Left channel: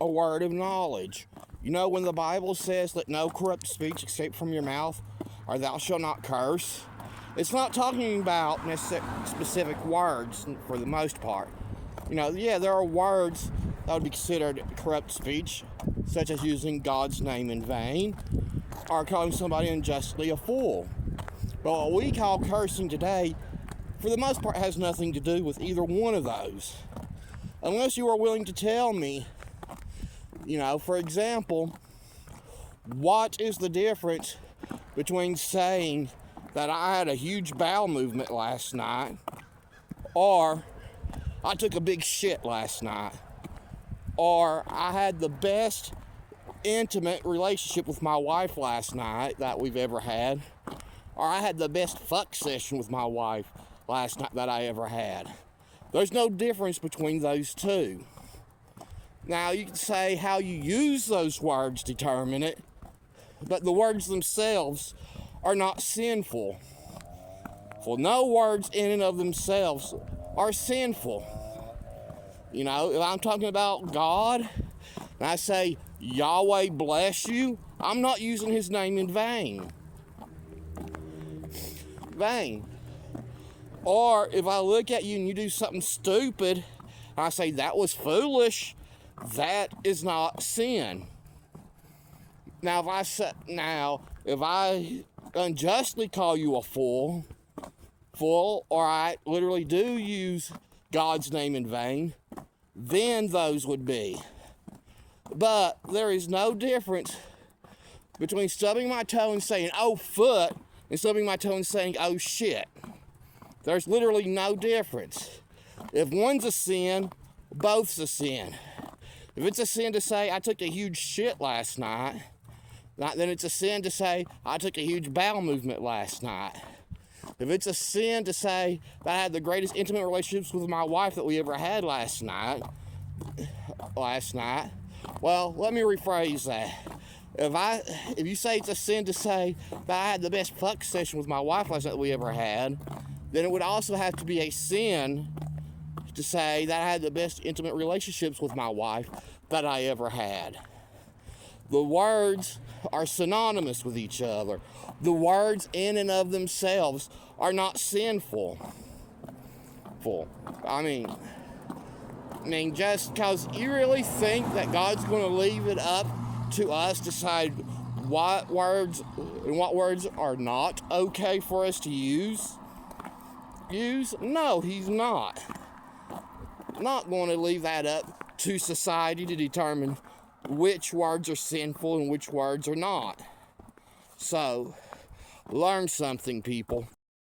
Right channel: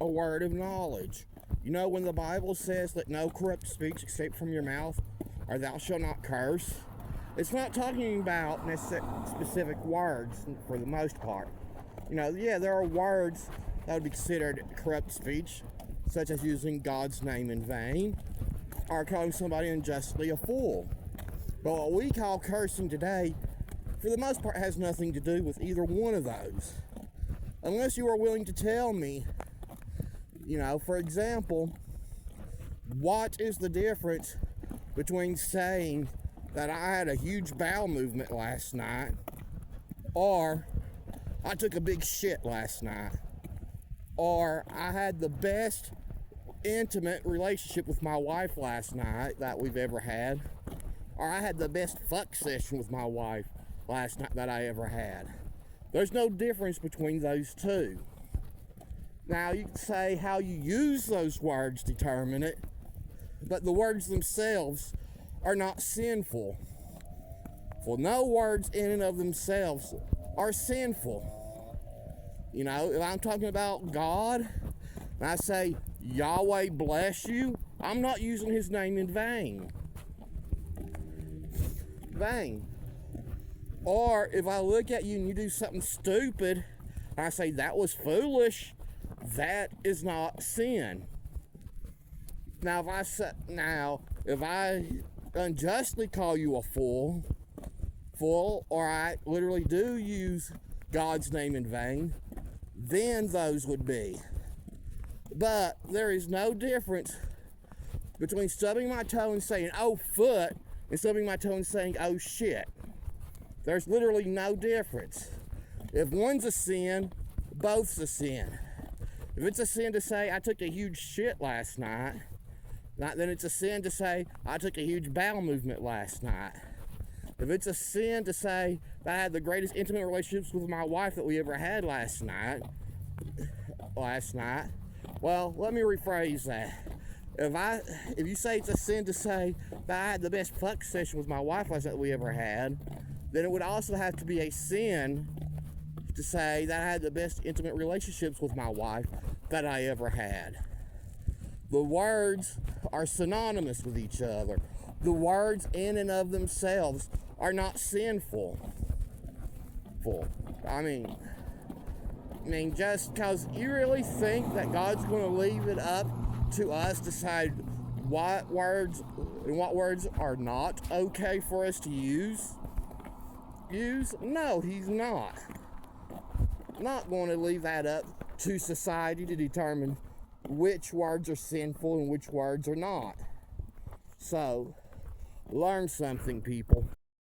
a word of knowledge. You know, when the Bible says, let no corrupt speech escape from your mouth, or thou shalt not curse, it's not talking about specific words for the most part. You know, yeah, there are words that would be considered corrupt speech, such as using God's name in vain, or calling somebody unjustly a fool. But what we call cursing today, for the most part, has nothing to do with either one of those. Unless you are willing to tell me, you know, for example, what is the difference between saying that I had a huge bowel movement last night, or I took a big shit last night, or I had the best intimate relationship with my wife last night that we've ever had, or I had the best fuck session with my wife last night that I ever had. There's no difference between those two. Now, you can say how you use those words determine it, but the words themselves are not sinful. For no words in and of themselves are sinful. You know, if I'm talking about God, and I say, Yahweh bless you, I'm not using his name in vain. Or if I look at you and you do something stupid, and I say, that was foolish, that is not sin. Now, if I unjustly call you a fool, or I literally do use God's name in vain, then those would be. But there is no difference between stubbing my toe and saying, oh, foot, and stubbing my toe and saying, oh, shit. There's literally no difference. If one's a sin, both's a sin. If it's a sin to say, I took a huge shit last night, then it's a sin to say, I took a huge bowel movement last night. If it's a sin to say that I had the greatest intimate relationships with my wife that we ever had last night, well, let me rephrase that. If you say it's a sin to say that I had the best fuck session with my wife last night that we ever had, then it would also have to be a sin to say that I had the best intimate relationships with my wife that I ever had. The words are synonymous with each other. The words in and of themselves are not sinful. I mean, just because you really think that God's going to leave it up to us to decide what words and what words are not okay for us to use? No, he's not. Not going to leave that up to society to determine which words are sinful and which words are not. So, learn something, people.